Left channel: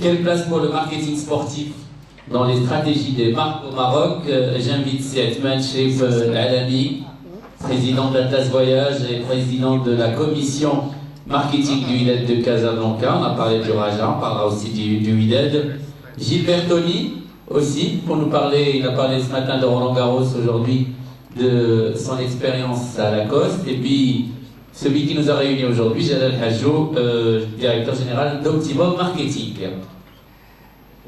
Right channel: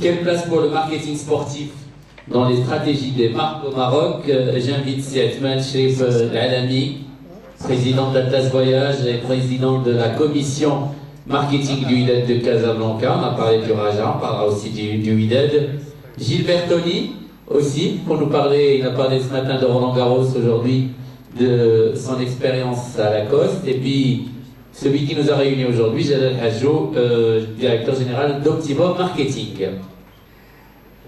Quelle place pour le marketing sportif dans les stratégies des marques au Maroc? J'invite Sietman Chef Alami, président d'Atlas Voyage et président de la commission marketing du WIDED de Casablanca. On a parlé du Raja, on parlera aussi du WIDED. Gilbert Tony aussi, pour nous parler, il a parlé ce matin de Roland Garros aujourd'hui, de son expérience à Lacoste. Et puis, celui qui nous a réunis aujourd'hui, Jalal Hajou, directeur général d'Optimum Marketing.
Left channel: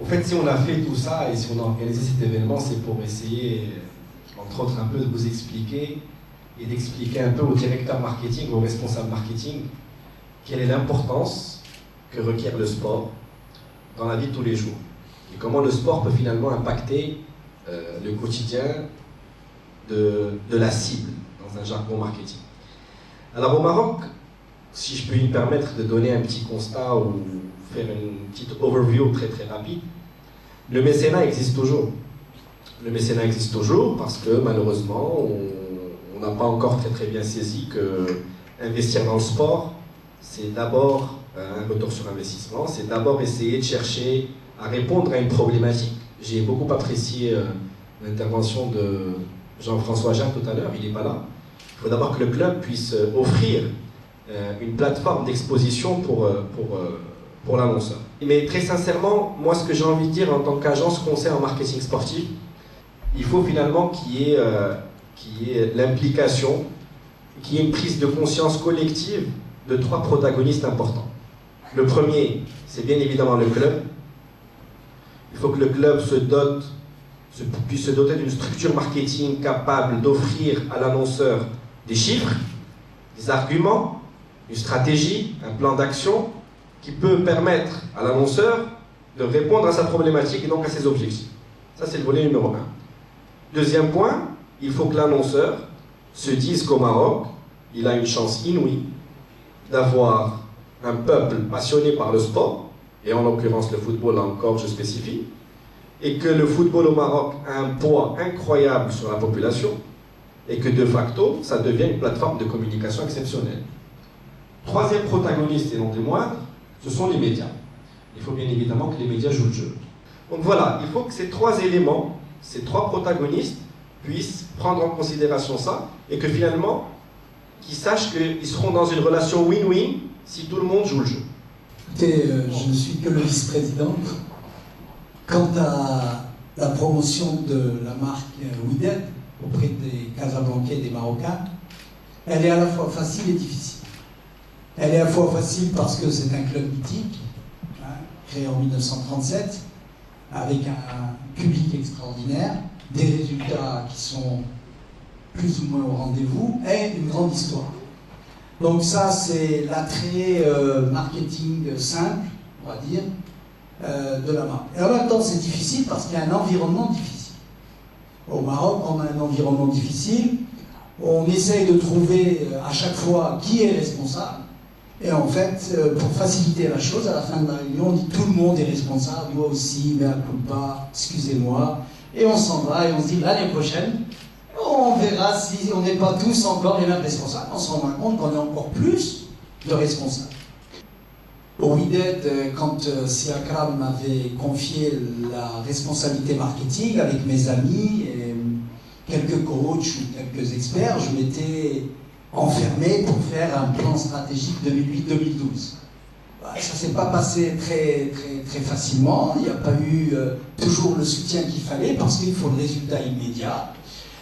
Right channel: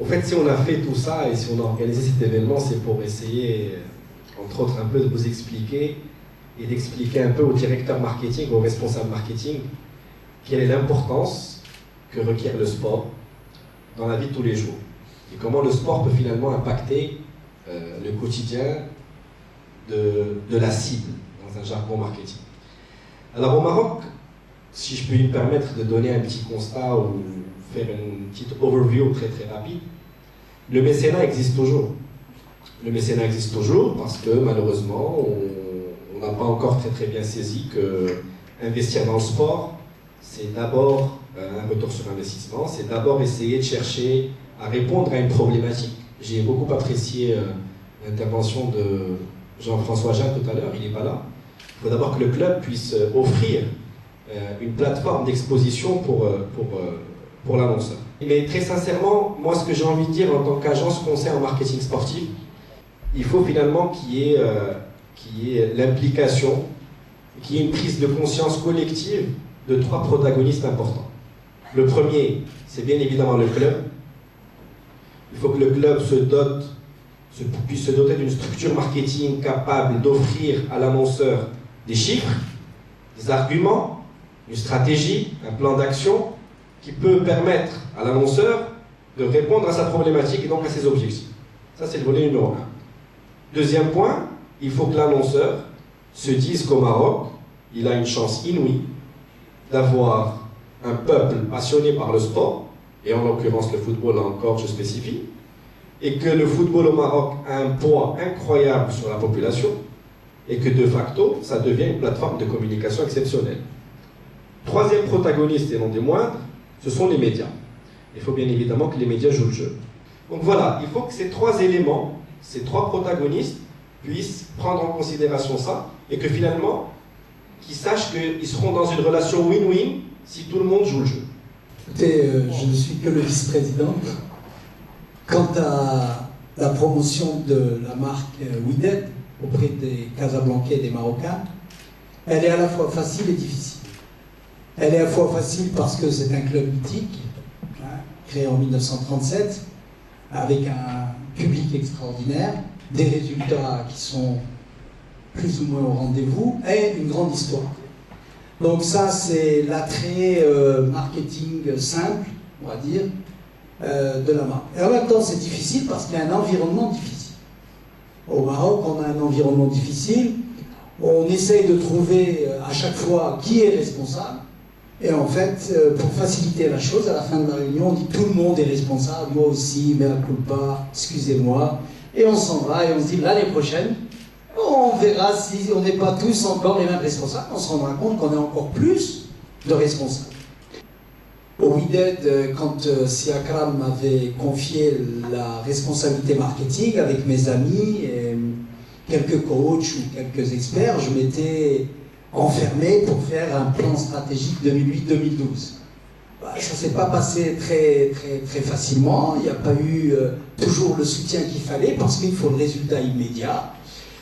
En fait, si on a fait tout ça et si on a organisé cet événement, c'est pour essayer, entre autres, un peu de vous expliquer et d'expliquer un peu aux directeurs marketing, aux responsables marketing, quelle est l'importance que requiert le sport dans la vie de tous les jours et comment le sport peut finalement impacter le quotidien de la cible dans un jargon marketing. Alors au Maroc, si je puis me permettre de donner un petit constat ou faire une petite overview très très rapide, le mécénat existe toujours. Le mécénat existe toujours parce que malheureusement, on n'a pas encore très très bien saisi que investir dans le sport, c'est d'abord un retour sur investissement, c'est d'abord essayer de chercher à répondre à une problématique. J'ai beaucoup apprécié l'intervention de Jean-François Jean tout à l'heure, il n'est pas là. Il faut d'abord que le club puisse offrir une plateforme d'exposition pour l'annonceur. Mais très sincèrement, moi ce que j'ai envie de dire en tant qu'agence conseil en marketing sportif, il faut finalement qu'il y ait l'implication, qu'il y ait une prise de conscience collective de 3 protagonistes importants. Le premier, c'est bien évidemment le club. Il faut que le club puisse se doter d'une structure marketing capable d'offrir à l'annonceur des chiffres, des arguments, une stratégie, un plan d'action qui peut permettre à l'annonceur de répondre à sa problématique et donc à ses objectifs. Ça, c'est le volet numéro 1. Deuxième point, il faut que l'annonceur se dise qu'au Maroc, il a une chance inouïe d'avoir un peuple passionné par le sport, et en l'occurrence le football, là encore je spécifie, et que le football au Maroc a un poids incroyable sur la population, et que de facto, ça devient une plateforme de communication exceptionnelle. Troisième protagoniste et non des moindres, ce sont les médias. Il faut bien évidemment que les médias jouent le jeu. Donc voilà, il faut que ces 3 éléments, ces 3 protagonistes puissent prendre en considération ça, et que finalement, qu'ils sachent qu'ils seront dans une relation win-win si tout le monde joue le jeu. Écoutez, je ne suis que le vice-président. Quant à la promotion de la marque WIDED auprès des Casablancais et des Marocains, elle est à la fois facile et difficile. Elle est à la fois facile parce que c'est un club mythique, créé en 1937, avec un public extraordinaire, des résultats qui sont plus ou moins au rendez-vous, et une grande histoire. Donc ça, c'est l'attrait marketing simple, on va dire, de la marque. Et en même temps, c'est difficile parce qu'il y a un environnement difficile. Au Maroc, on a un environnement difficile, on essaye de trouver à chaque fois qui est responsable, et en fait, pour faciliter la chose, à la fin de la réunion, on dit tout le monde est responsable, moi aussi, mea culpa, excusez-moi, et on s'en va, et on se dit l'année prochaine, on verra si on n'est pas tous encore les mêmes responsables, on se rendra compte qu'on est encore plus de responsables. Au WIDED, quand Siakam m'avait confié la responsabilité marketing avec mes amis, et quelques coachs ou quelques experts, je m'étais enfermé pour faire un plan stratégique 2008-2012. Ça ne s'est pas passé très facilement, il n'y a pas eu toujours le soutien qu'il fallait parce qu'il faut le résultat immédiat.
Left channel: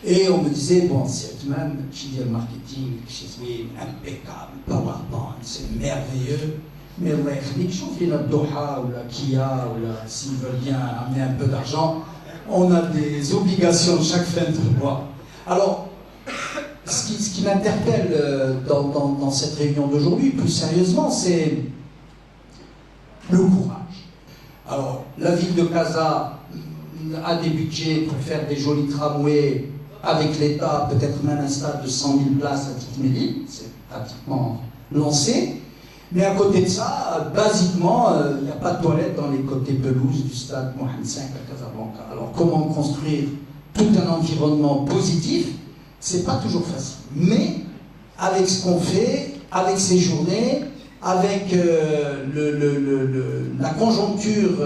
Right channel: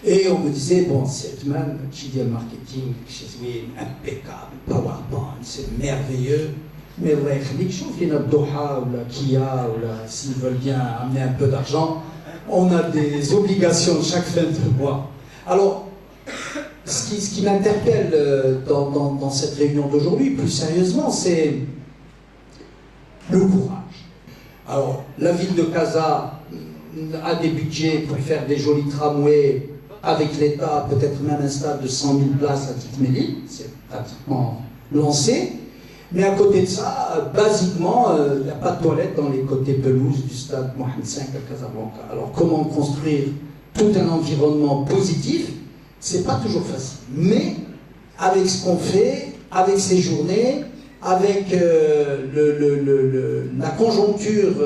Et on me disait, bon, c'est même digital marketing, c'est impeccable, PowerPoint, c'est merveilleux, mais on va expliquer, je fais la Doha ou la Kia, ou s'ils veulent bien amener un peu d'argent, on a des obligations de chaque fin de mois. Alors, ce qui m'interpelle dans cette réunion d'aujourd'hui, plus sérieusement, c'est le courage. Alors, la ville de Casa a des budgets pour faire des jolis tramways avec l'État, peut-être même un stade de 100 000 places à Titmeli, c'est pratiquement lancé. Mais à côté de ça, basiquement, il n'y a pas de toilettes dans les côtés pelouses du stade Mohamed V à Casablanca. Alors comment construire tout un environnement positif, c'est pas toujours facile. Mais avec ce qu'on fait, avec ces journées, avec la conjoncture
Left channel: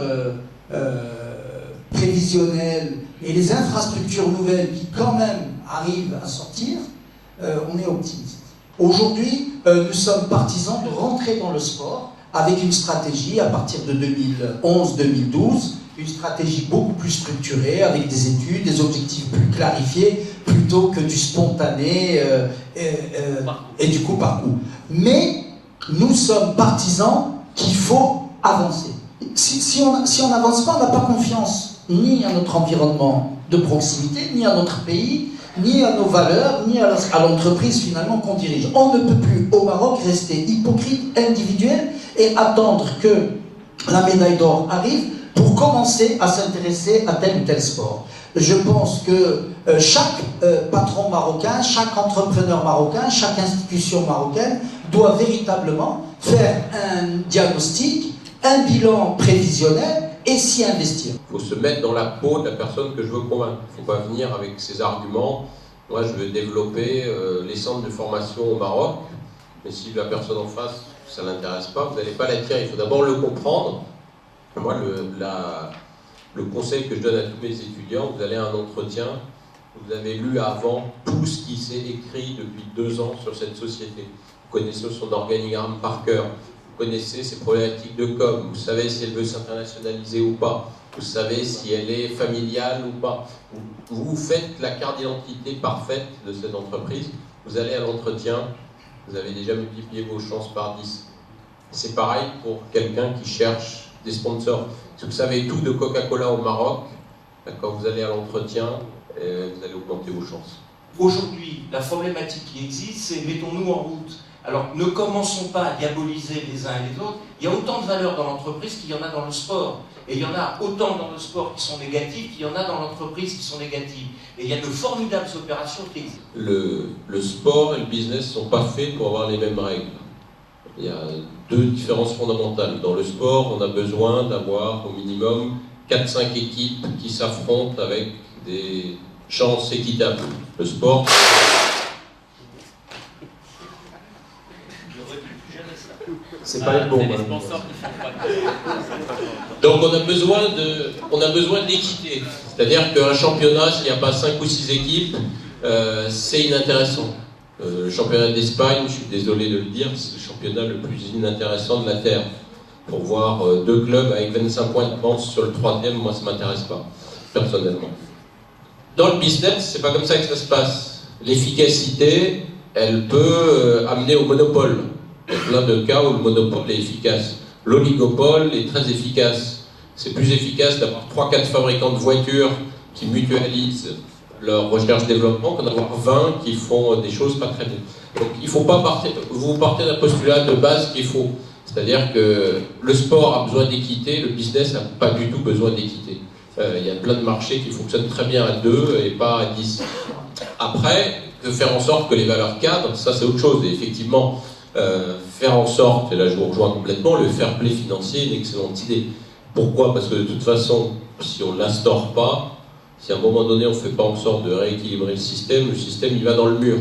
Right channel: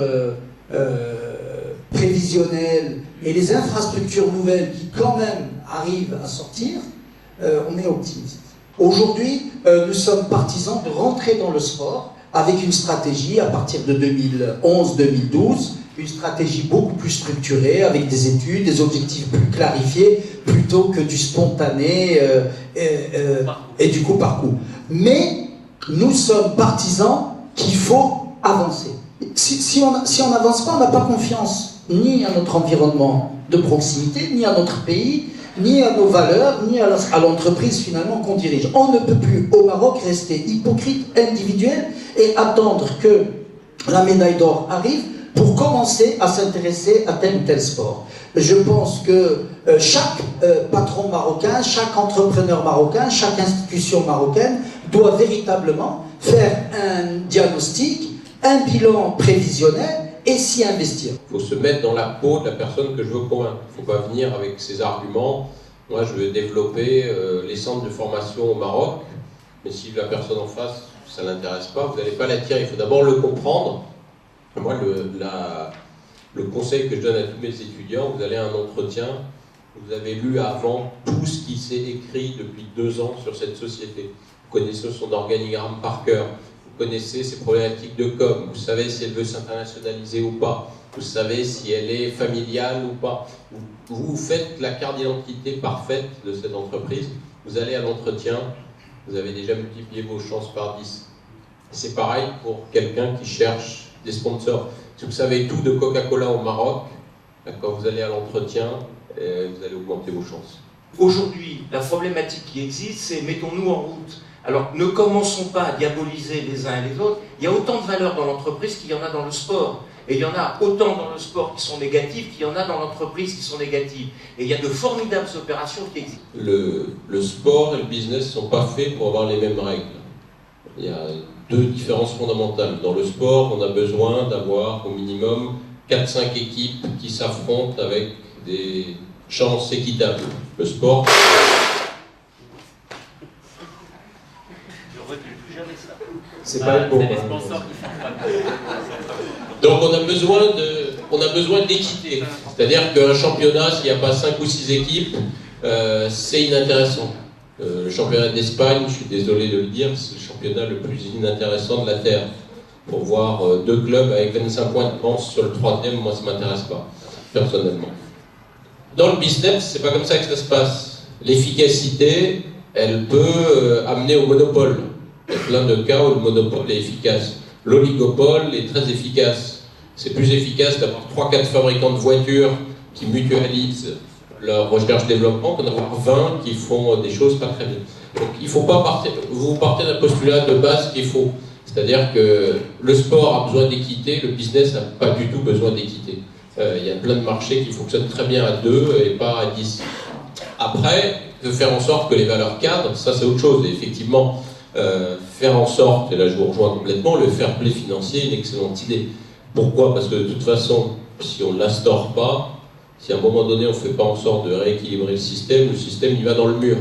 prévisionnelle et les infrastructures nouvelles qui quand même arrivent à sortir, on est optimiste. Aujourd'hui, nous sommes partisans de rentrer dans le sport avec une stratégie à partir de 2011-2012, une stratégie beaucoup plus structurée, avec des études, des objectifs plus clarifiés, plutôt que du spontané et du coup par coup. Mais nous sommes partisans qu'il faut avancer. Si on n'avance pas, on n'a pas confiance ni à notre environnement de proximité, ni à notre pays, ni à nos valeurs, ni à l'entreprise finalement qu'on dirige. On ne peut plus au Maroc rester hypocrite, individuel et attendre que la médaille d'or arrive pour commencer à s'intéresser à tel ou tel sport. Je pense que chaque patron marocain, chaque entrepreneur marocain, chaque institution marocaine doit véritablement faire un diagnostic, un bilan prévisionnel et s'y investir. Il faut se mettre dans la peau de la personne que je veux convaincre. Il ne faut pas venir avec ses arguments. Moi, je veux développer les centres de formation au Maroc, mais si la personne en face, ça ne l'intéresse pas, vous n'allez pas l'attirer. Il faut d'abord le comprendre. Moi, le conseil que je donne à tous mes étudiants, vous allez à un entretien, vous avez lu avant tout ce qui s'est écrit depuis 2 ans sur cette société. Vous connaissez son organigramme par cœur, vous connaissez ses problématiques de com, vous savez si elle veut s'internationaliser ou pas, vous savez si elle est familiale ou pas. Vous faites la carte d'identité parfaite de cette entreprise, vous allez à l'entretien, vous avez déjà multiplié vos chances par 10. C'est pareil pour quelqu'un qui cherche des sponsors. Si vous savez tout de Coca-Cola au Maroc, quand vous allez à l'entretien, vous allez augmenter vos chances. Aujourd'hui, la problématique qui existe, c'est mettons-nous en route. Alors, ne commençons pas à diaboliser les uns et les autres. Il y a autant de valeurs dans l'entreprise qu'il y en a dans le sport. Et il y en a autant dans le sport qui sont négatives qu'il y en a dans l'entreprise qui sont négatives. Et il y a de formidables opérations qui existent. Le sport et le business ne sont pas faits pour avoir les mêmes règles. Il y a 2 différences fondamentales. Dans le sport, on a besoin d'avoir au minimum 4-5 équipes qui s'affrontent avec des chances équitables. Le sport... C'est les sponsors qui font pas. Donc on a besoin d'équité. C'est-à-dire qu'un championnat, s'il n'y a pas 5 ou 6 équipes, c'est inintéressant. Le championnat d'Espagne, je suis désolé de le dire, c'est le championnat le plus inintéressant de la Terre. Pour voir 2 clubs avec 25 points d'avance sur le 3e, moi ça ne m'intéresse pas, personnellement. Dans le business, c'est pas comme ça que ça se passe. L'efficacité, elle peut amener au monopole. Il y a plein de cas où le monopole est efficace. L'oligopole est très efficace. C'est plus efficace d'avoir 3-4 fabricants de voitures qui mutualisent leur recherche-développement qu'en avoir 20 qui font des choses pas très bien. Donc il faut pas partir, vous partez d'un postulat de base qu'il faut. C'est-à-dire que le sport a besoin d'équité, le business n'a pas du tout besoin d'équité. Il y a plein de marchés qui fonctionnent très bien à 2 et pas à 10. Après, de faire en sorte que les valeurs cadrent, ça c'est autre chose. Et effectivement, faire en sorte, et là je vous rejoins complètement, le fair play financier est une excellente idée. Pourquoi ? Parce que de toute façon, si on ne l'instaure pas, si à un moment donné on ne fait pas en sorte de rééquilibrer le système il va dans le mur.